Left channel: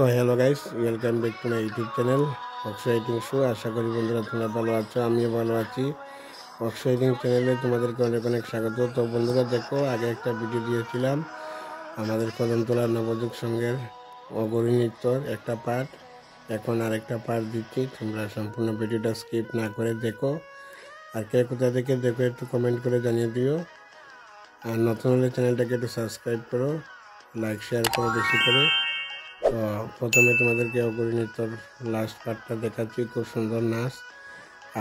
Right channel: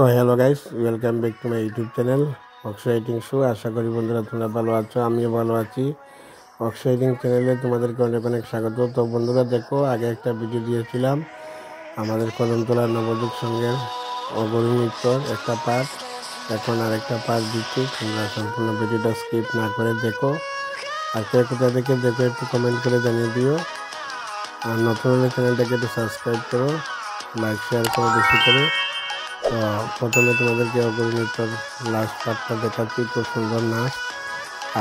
তো hello guys, welcome back to my YouTube channel Akshay writing show. আশা করি বন্ধুরা তোমরা ভালো আছো, আমিও ভালো আছি। অক্ষয় রাইটিং চ্যানেলে তোমাদেরকে অনেক অনেক স্বাগত। তো বন্ধুরা দেখো, আগে একটা ভিডিও দিয়েছিলাম আমাদের কদমতলা নবযুগ সংঘের অঘরী নৃত্যর একটা পার্ট। এখন আরেকটা পার্ট দিচ্ছি, তোমরা সম্পূর্ণ ভিডিওটা স্কিপ না করে দেখো। আর কে কোথা থেকে দেখো একটু কমেন্ট করে জানিয়ে দিও। আর নতুন হলে চ্যানেলটাকে একটু সাবস্ক্রাইব করো, লাইক শেয়ার করো বেশি করে। তো প্রথমে তোমাদেরকে অঘরী নৃত্যর লাস্ট পার্টটা দেখাচ্ছি। খুব সুন্দর নাচ,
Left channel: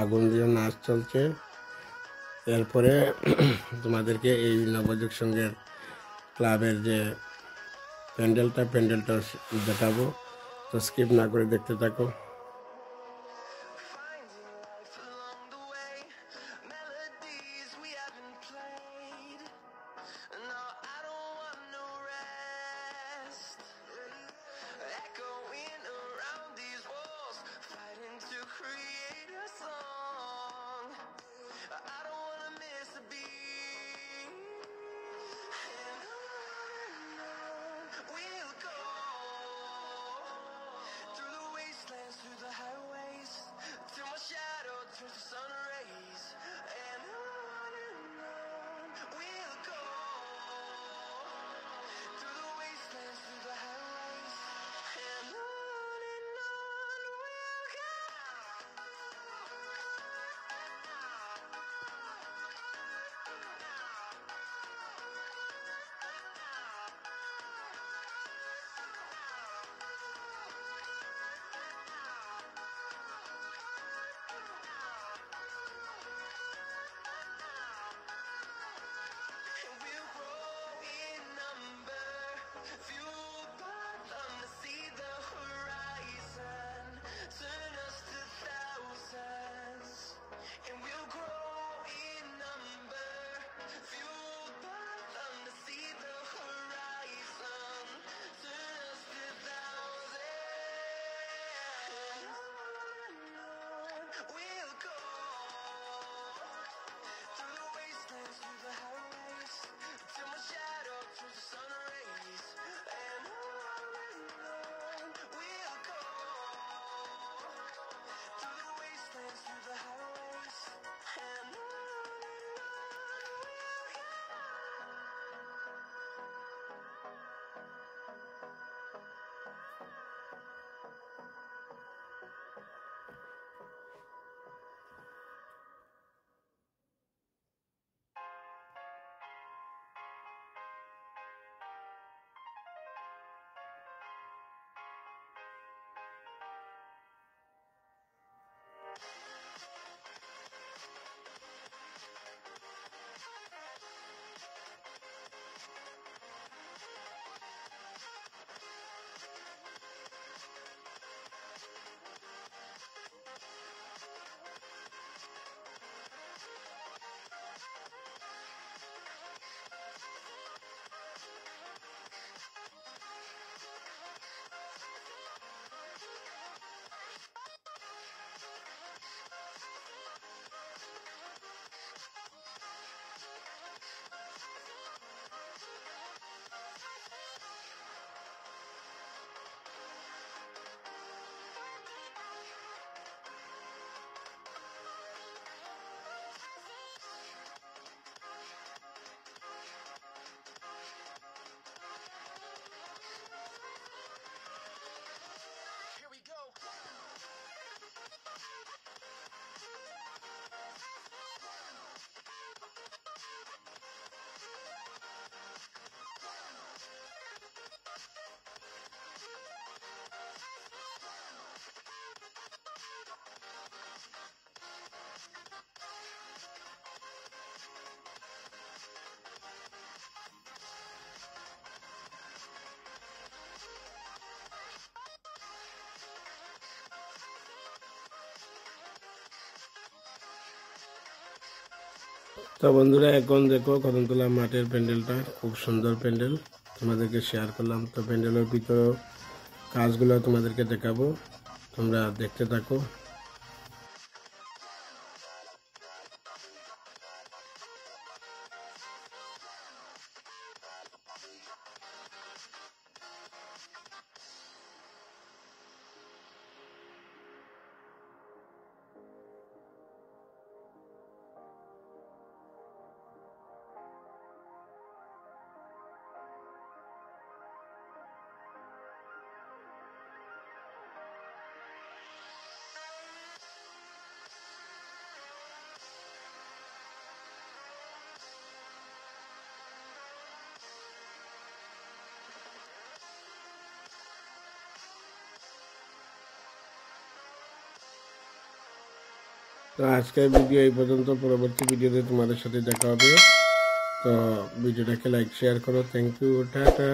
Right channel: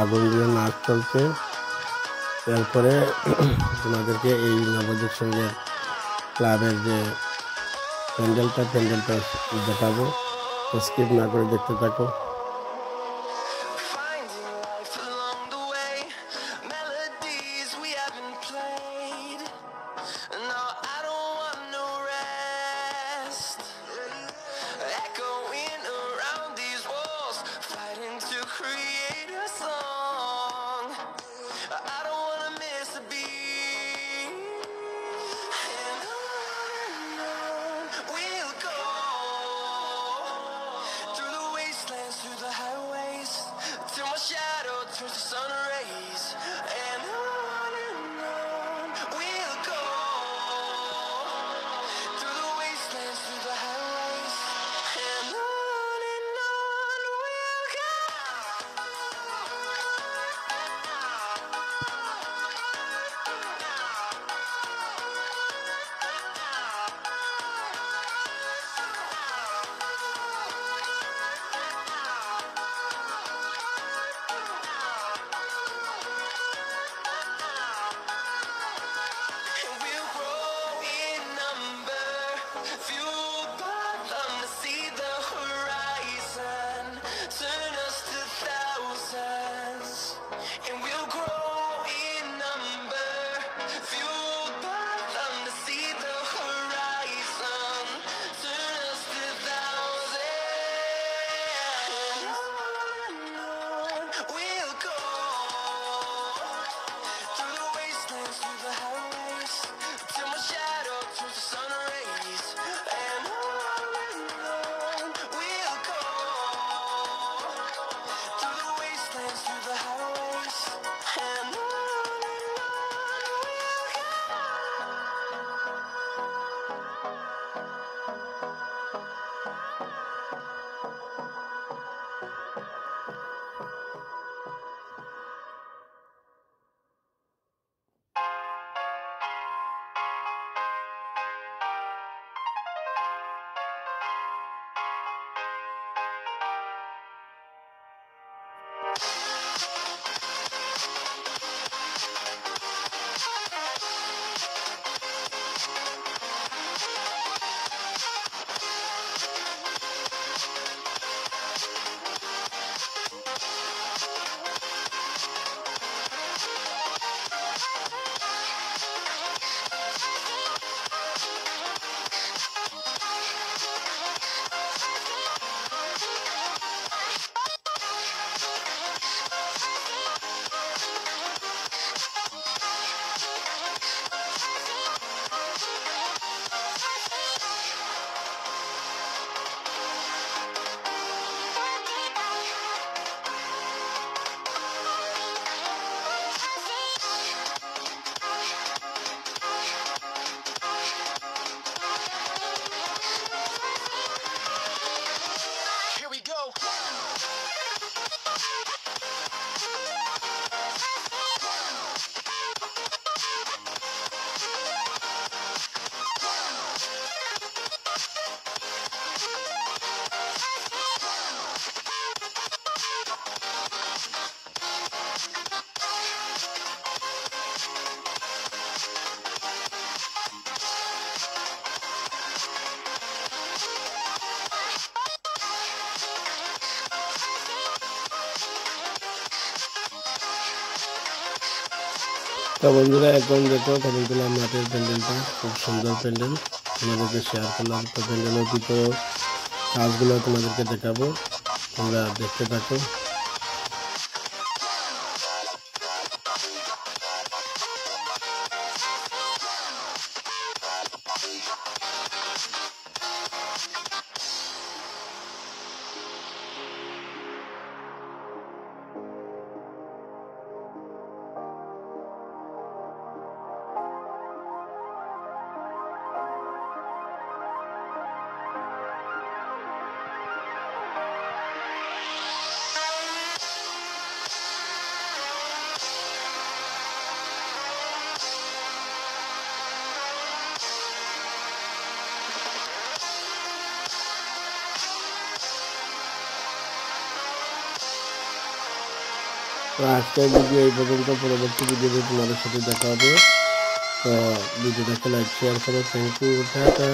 আগুন দিয়ে নাচ চলছে। এরপরে তোমাদেরকে এই নবযুগ সঙ্গের ক্লাবের যে প্যান্ডেলটা দেখাবো। তো স্কিপ না করে দেখতে থাকো। Create a song. I don't wanna miss a beat. And on we'll go, through the wastelands, through the highways, till my shadow turns to sun rays. And on we'll go, through the wastelands, through the highways. And on we'll go. And we'll grow in number, fueled by them to see the horizon, turn us to thousands. And we'll grow in number, fueled by them to see the horizon, turn us to thousands. And on we'll go, through the wastelands, through the highways, till my shadow turns to sun rays. And on we'll go, through the wastelands, through the highways. And on we'll go. Here we go. তো বন্ধুরা, এখন দেখো কদমতলা মাঠের প্যান্ডেলটা, খুব সুন্দর প্যান্ডেল তোমাদেরকে শেয়ার করলাম। তো প্যান্ডেলের ভিতরে কাজগুলো তোমাদেরকে দেখাবো, তোমরা দেখতে থাকো। তো আজকের ভিডিও এই পর্যন্ত, পরবর্তী ভিডিওতে তোমাদের সাথে দেখা হবে। তো ভিডিওটাকে লাইক শেয়ার করো। Thank you, tata.